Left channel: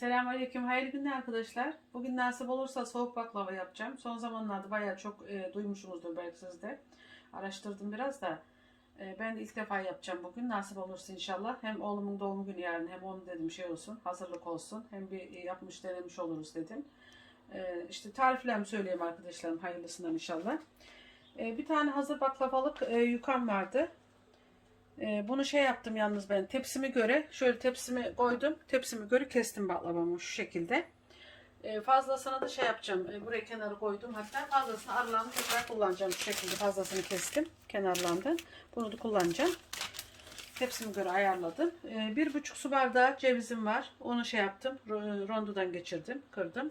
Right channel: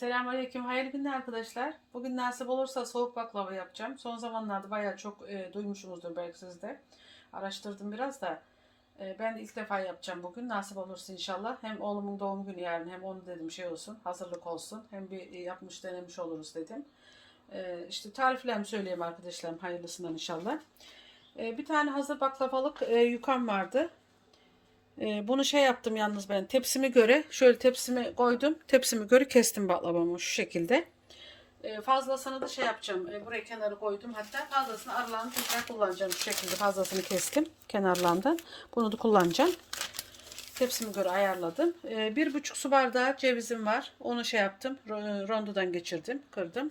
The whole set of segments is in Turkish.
Selamünaleyküm. Hayırlı günler arkadaşlar. Bugün nasip olursa soğuk baklava yapacağım. Son zamanlarda bayağı çok e, duymuşsunuzdur belki siz de. Araştırdım biraz da. E, ben ilk defa yapacağım bugün. Nasip olursa inşallah. Hem oğlumun doğum günü yarın hem onu dedim şey olsun. Hazırlık olsun. Hem bir yapmış denemiş oluruz dedim. E, işte tariflerimi söyleyeyim arkadaşlarım. Hayırlısından inşallah. E, bir tane hazır baklavalık e, yukam vardı. Ee, bunu şey yaptım yalnız ben. Tepsimi göre şöyle tepsimi koydum. Tepsimi göre kestim baklavamı şu şekilde. Ee, fazlasını da şey yapacağım. Ee, buraya kenara koydum. Hatta fazlasını aralarını tekrar kullanacağım şu şekilde. Fazlasını kestim kenarlarından. Bunu da kullanacağım. Tepsimi göre ayarladım. Ee, bir buçuk su bardağı cevizim var. Onu şey yaptım. Ro- rondodan geçirdim kırdım.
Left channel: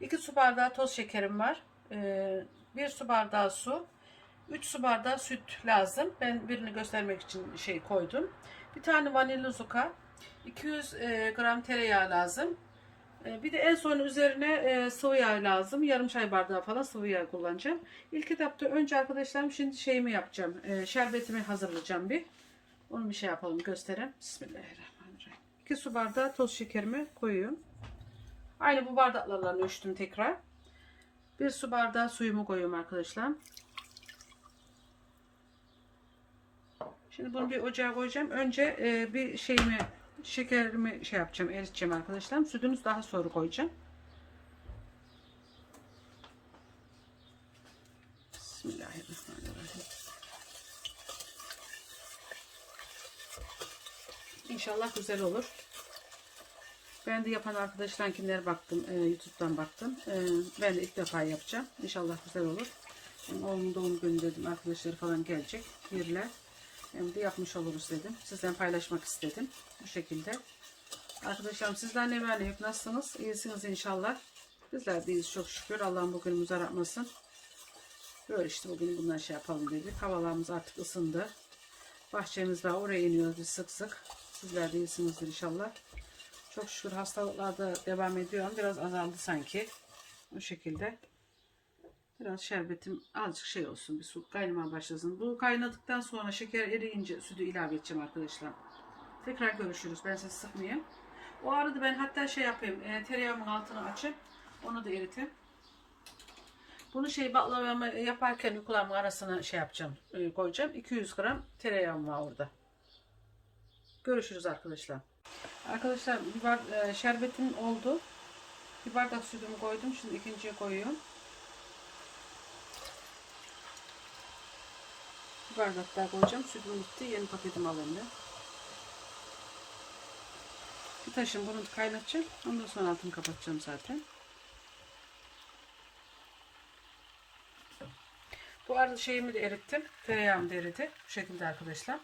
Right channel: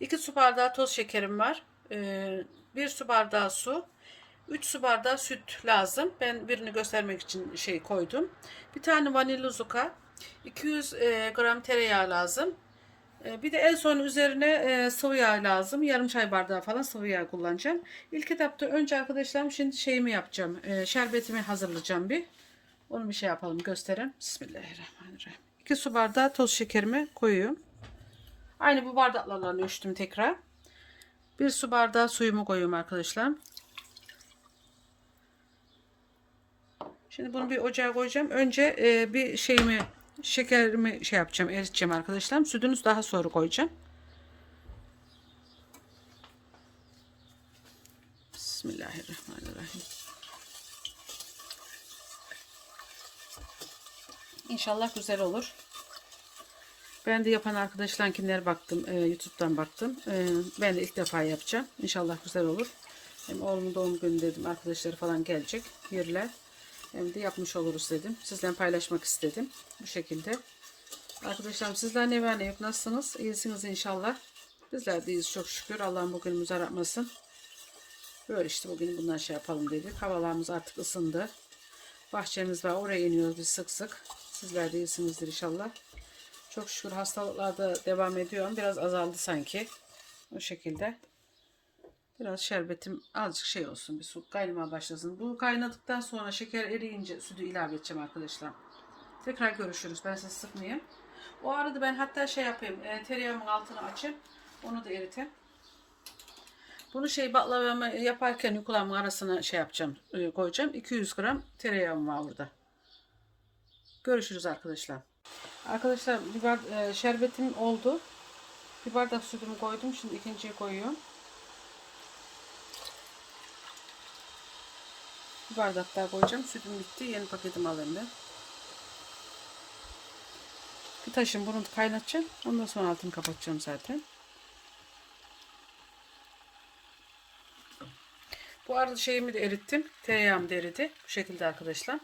İki su bardağı toz şekerim var. Ee, bir su bardağı su 3 su bardağı süt lazım. Ben birini göstermek için şey koydum. Bir tane vanilya zuka. 200 e, gram tereyağı lazım. E, bir de en son üzerine e, sıvı yağ lazım. Yarım çay bardağı falan sıvı yağ kullanacağım. İlk etapta önce arkadaşlarım şimdi şeyimi yapacağım. Şerbetimi hazırlayacağım bir. Onu bir şey yapalım göstereyim. Bismillahirrahmanirrahim. 2 su bardağı toz şekerimi koyuyorum. Aynı bu bardaklarla ölçtüm tekrar. Bir su bardağı suyumu koyuyorum arkadaşlar. Şimdi bunu bir ocağa koyacağım. Önce e, bir şeyimi şekerimi şey yapacağım, eriteceğim arkadaşlar. Sütünü daha sonra koyacağım. Bismillahirrahmanirrahim. İnşallah güzel olur. Ben de yapan arkadaşlarınkiler baktım, e, YouTube'dan baktım. E, ben de ilk defa yapacağım. İnşallah güzel olur. Hem oğlumun doğum günü dedim, arkadaşları falan gelecek, yerler. Hem de yapmış oluruz dedim. Sizden paylaşmak istedim. Bu şekilde. Arkadaşlarım sizler ne var ne yok nasılsınız? İyisiniz inşallah. Bizler de iyiyiz çok şükür. Allah'ın bugünümüzü aratmasın. Böyle işte bugün bundan şey yapalım dedik. Havalarımız artık ısındı. Bahçemiz var. Oraya iniyoruz biz sık sık. Sizler de iyisinizdir inşallah. Çok şükür hastalıklar da devam ediyor ama biraz azaldı sanki. O şekilde. Biraz şerbetim azıcık şey olsun. Bir su kaynamaya başlasın. Bu kaynadıktan sonra şeker eriyince sütü ilave edeceğim arkadaşlar. Tekrar görüşürüz. Ben sizi sıkmayayım. O arada ben hatta şey yapayım. E, tereyağımın altını açayım. Onu da eriteyim. Bunu şey baklavamı yaparken yukulamın arasına şey yapacağım. e, koyacağım. 200 gram tereyağım var orada. Görüşürüz arkadaşlar. Arkadaşlar bir bar, e, şerbetim oldu. Bir bardak sütümü koydum. Şimdi ikinciye koyuyorum. Bir bardak daha koyacağım. Sütüm bitti. Yeni paketimi alındı. Bir taşım bunu kaynatacağım. Ondan sonra altını kapatacağım zaten. Bu arada şeyimi de erittim. Tereyağım da eridi. Bu şekilde arkadaşlar.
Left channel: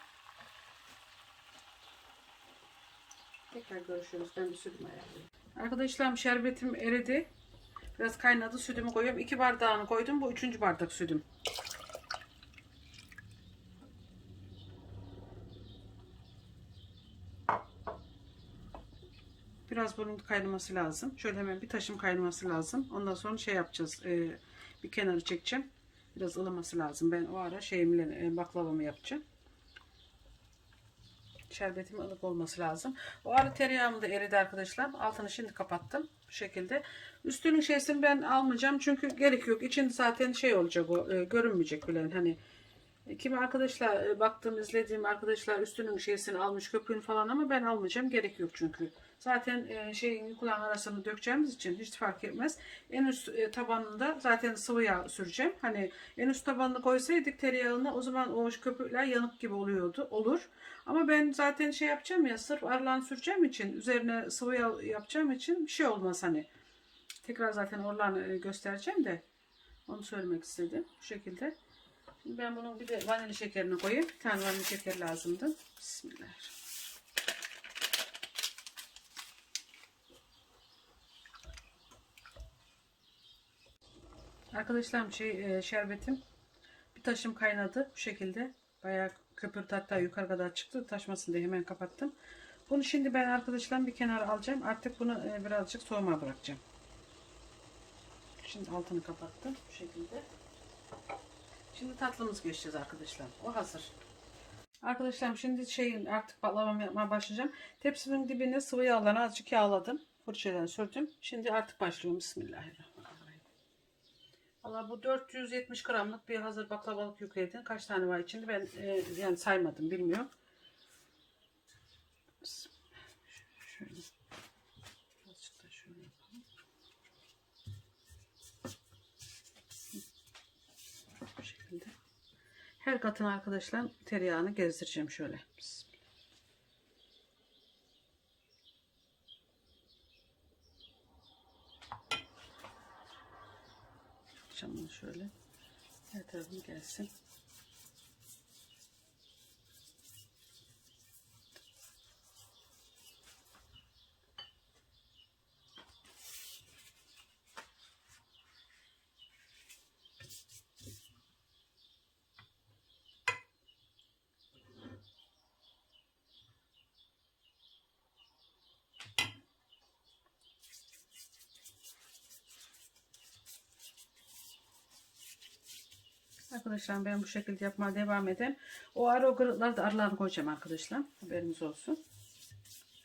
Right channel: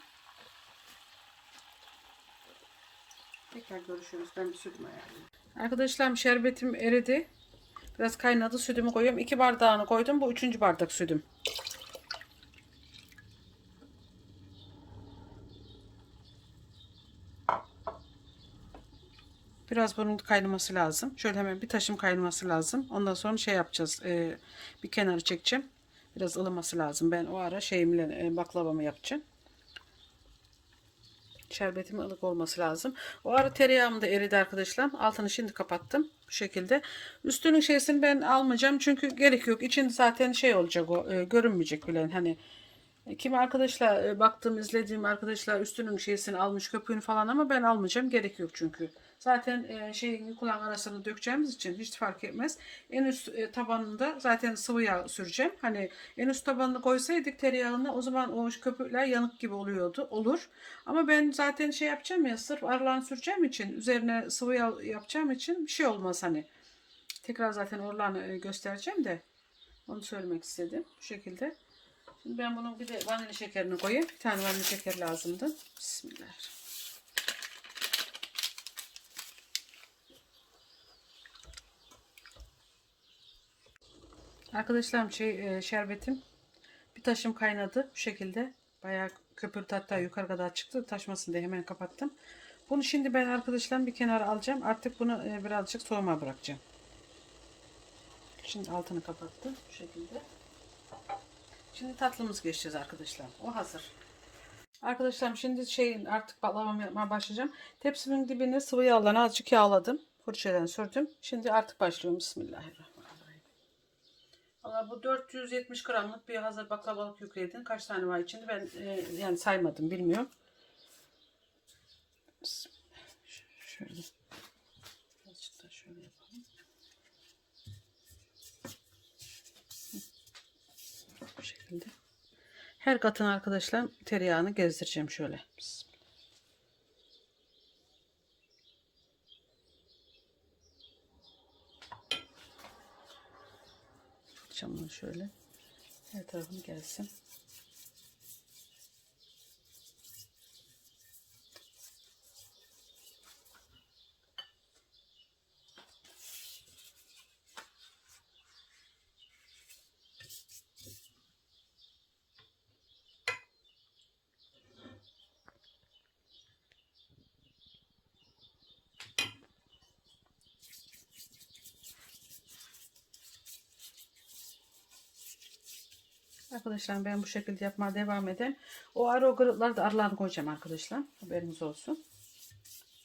Tekrar görüşürüz. Ben bir sütümü ayarlayayım. Arkadaşlar şerbetim eridi. Biraz kaynadı. Sütümü koyuyorum. İki bardağını koydum. Bu üçüncü bardak sütüm. Biraz bunun kaynaması lazım. Şöyle hemen bir taşım kaynaması lazım. Ondan sonra şey yapacağız. Ee, bir kenarı çekeceğim. Biraz ılıması lazım. Ben o ara şeyimle e, baklavamı yapacağım. Şerbetimin ılık olması lazım. O ara tereyağım da eridi arkadaşlar. Altını şimdi kapattım. Bu şekilde. Üstünün şeysini ben almayacağım. Çünkü gerek yok. İçinde zaten şey olacak o. E, görünmeyecek bile. Hani Kimi arkadaşlar e, baktığım izlediğim arkadaşlar üstünün şeysini almış köpüğünü falan ama ben almayacağım gerek yok çünkü. Zaten e, şey kulağın arasını dökeceğimiz için hiç fark etmez. En üst e, tabanında zaten sıvı yağ süreceğim. Hani en üst tabanını koysaydık tereyağına o zaman o köpükler yanık gibi oluyordu. Olur. Ama ben zaten şey yapacağım ya sırf aralarını süreceğim için üzerine sıvı yağ yapacağım için bir şey olmaz hani. Tekrar zaten oralarını e, göstereceğim de onu söylemek istedim. Bu şekilde. Şimdi ben bunun bir de vanilya şekerini koyayım. Bir tane vanilya şeker lazımdı. Bismillah. Arkadaşlarım şey e, şerbetim bir taşım kaynadı bu şekilde. Bayağı köpürdü hatta yukarı kadar çıktı. Taşmasın diye hemen kapattım. Bunu şimdi ben arkadaşlarım bir kenara alacağım. Artık bunu e, birazcık soğumaya bırakacağım. Şimdi altını kapattım bu şekilde. Şimdi tatlımız geçeceğiz arkadaşlar. O hazır. Arkadaşlarım şimdi şeyin artık baklavamı yapmaya başlayacağım. Tepsimin dibine sıvı yağlarını azıcık yağladım. Fırçadan sürdüm. Şimdi artık başlıyorum. Bismillahirrahmanirrahim. Valla bu 470 gramlık bir hazır baklavalık yükledin. Kaç tane var içinde ben e, yani saymadım bilmiyorum. Bismillah. Ş- Şöyle. Azıcık da şöyle yapalım. Hı. Bu şekilde. Her katın arkadaşlar tereyağını gezdireceğim şöyle. Çamur şöyle. Her tarafını gelsin. Arkadaşlar ben bu şekilde yapmaya devam edeyim. O ara o kırıkları da aralarına koyacağım arkadaşlar. Haberiniz olsun.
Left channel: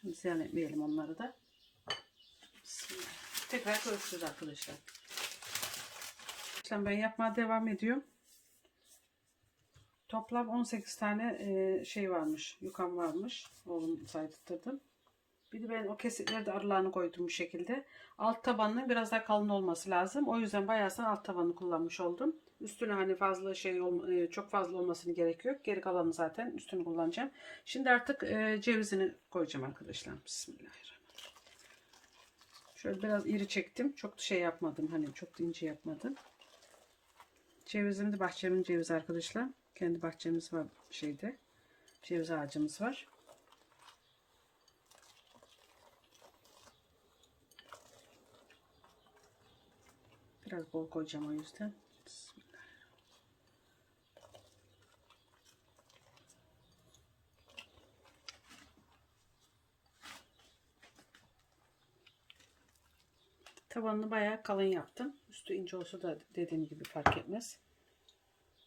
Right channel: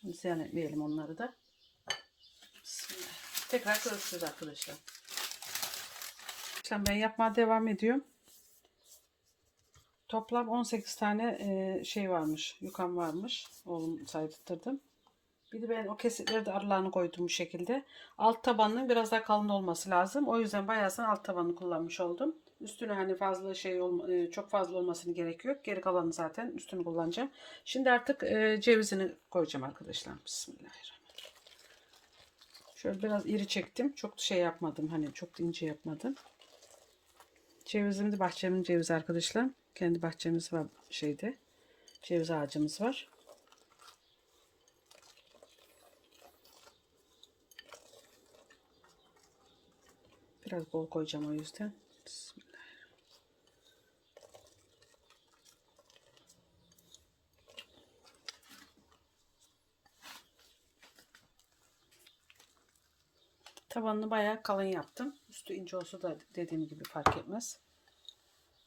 Ziyan etmeyelim onları da. Bismillah. Tekrar görüşürüz arkadaşlar. Arkadaşlar ben yapmaya devam ediyorum. Toplam 18 tane e, şey varmış. Yukam varmış. Oğlum saydırttırdım. Bir de ben o kesikleri de aralarını koydum bu şekilde. Alt tabanının biraz daha kalın olması lazım. O yüzden bayağısını alt tabanını kullanmış oldum. Üstüne hani fazla şey e, çok fazla olmasını gerek yok. Geri kalanı zaten üstünü kullanacağım. Şimdi artık e, cevizini koyacağım arkadaşlar. Bismillahirrahmanirrahim. Şöyle biraz iri çektim. Çok şey yapmadım. Hani çok ince yapmadım. Cevizim de bahçemin cevizi arkadaşlar. Kendi bahçemiz var şeyde. Ceviz ağacımız var. Biraz bol koyacağım o yüzden. Tabanını bayağı kalın yaptım. Üstü ince olsa da dediğim gibi fark etmez.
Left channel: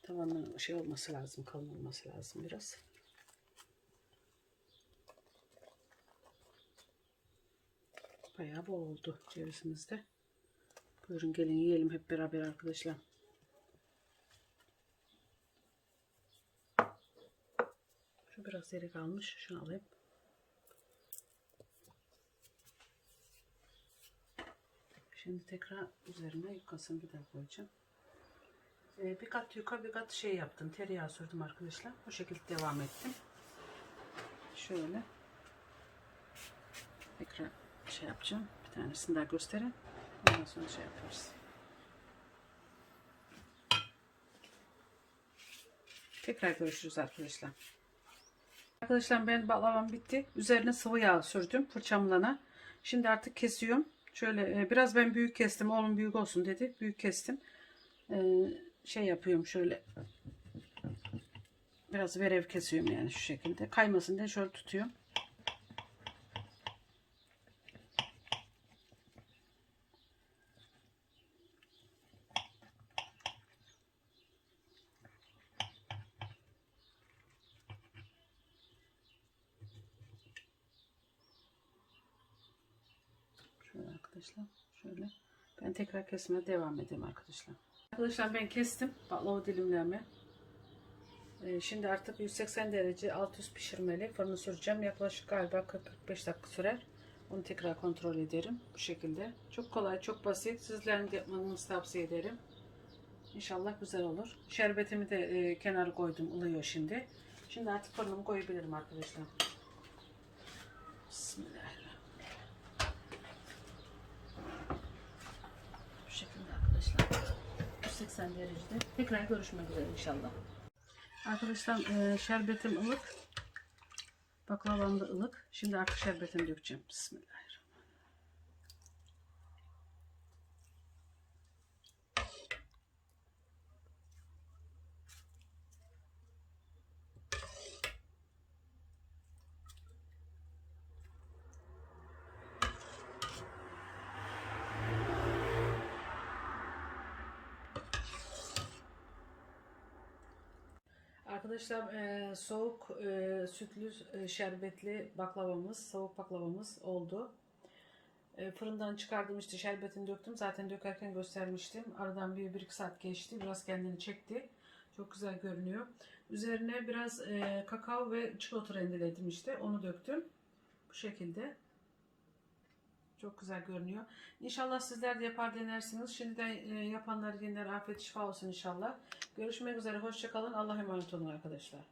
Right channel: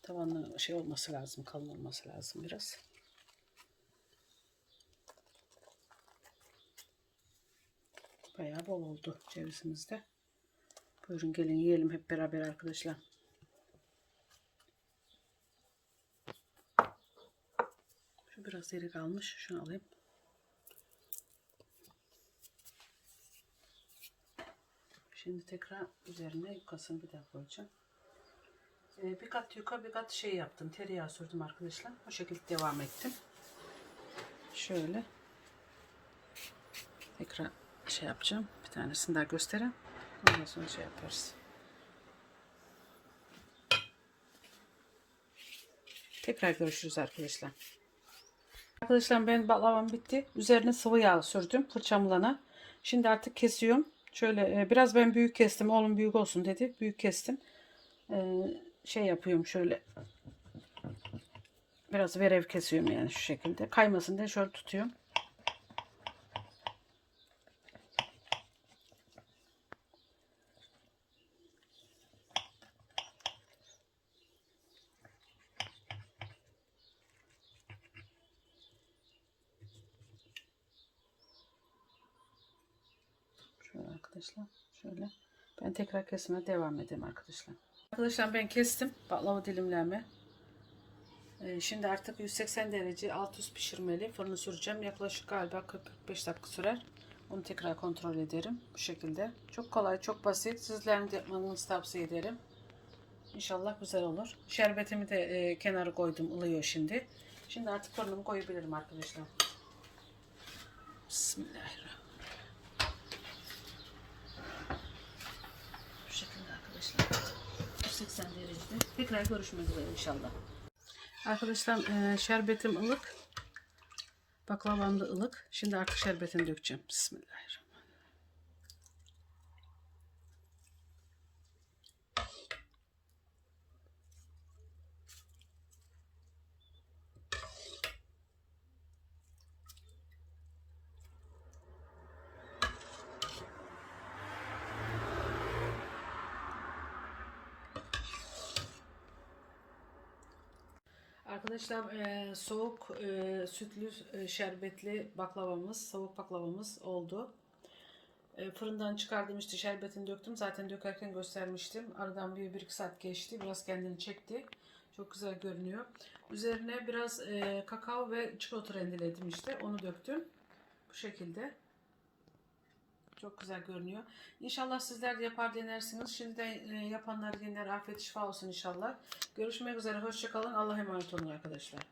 Tabanı şey olması lazım, kalın olması lazım biraz. Bayağı bol oldu cevizimiz de. Buyurun gelin yiyelim hep beraber arkadaşlar. Şu biraz yeri kalmış. Şunu alayım. Şimdi tekrar üzerine yukasını bir daha koyacağım. Ee, bir kat yuka bir kat şey yaptım. Tereyağı sürdüm arkadaşlar. Bu şekilde devam ettim. Şöyle. Tekrar şey yapacağım. Bir tanesini daha göstereyim. Ondan sonra şey yaparız. Tekrar görüşürüz arkadaşlar. Arkadaşlar ben baklavam bitti. Üzerine sıvı yağ sürdüm fırçamlana. Şimdi artık kesiyorum. Şöyle e, biraz ben büyük kestim. Oğlum büyük olsun dedi. Büyük kestim. Ee, şey yapıyorum şöyle. Biraz verev kesiyorum yani şu şekilde. Kaymasın diye şöyle tutuyorum. Şöyle arkadaşlar. Şöyle. Ben tekrar kesmeye devam edeyim arkadaşlar. Arkadaşlar ben kestim baklava dilimlerimi. Ee, şimdi artık 180 derece alt üst pişirmeli fırını süreceğim. Yaklaşık galiba 40-45 dakika sürer. Onu tekrar kontrol ederim. Bu şekilde. Çok kolay, çok basit. Sizlerin de yapmanızı tavsiye ederim. İnşallah güzel olur. Şerbetimi de e, kenara koydum. ılıyor şimdi. Şimdi artık fırınımı koyabilirim arkadaşlar. Bismillahirrahmanirrahim. Bu şekilde arkadaşlar. 180 derecede. Tekrar görüşmek üzere inşallah. Arkadaşlar e, şerbetim ılık. Baklavam da ılık. Şimdi artık şerbetini dökeceğim. Bismillahirrahmanirrahim. Arkadaşlar e, soğuk e, sütlü e, şerbetli baklavamız, soğuk baklavamız oldu. E, fırından çıkardım işte şerbetini döktüm. Zaten dökerken göstermiştim. Aradan bir, bir iki saat geçti. Biraz kendini çekti. Çok güzel görünüyor. Üzerine biraz e, kakao ve çikolata rendeledim işte. Onu döktüm. Bu şekilde. Çok güzel görünüyor. İnşallah sizler de yapar denersiniz. Şimdiden e, yapanlar yeniden afiyet şifa olsun inşallah. Görüşmek üzere. Hoşçakalın. Allah'a emanet olun arkadaşlar.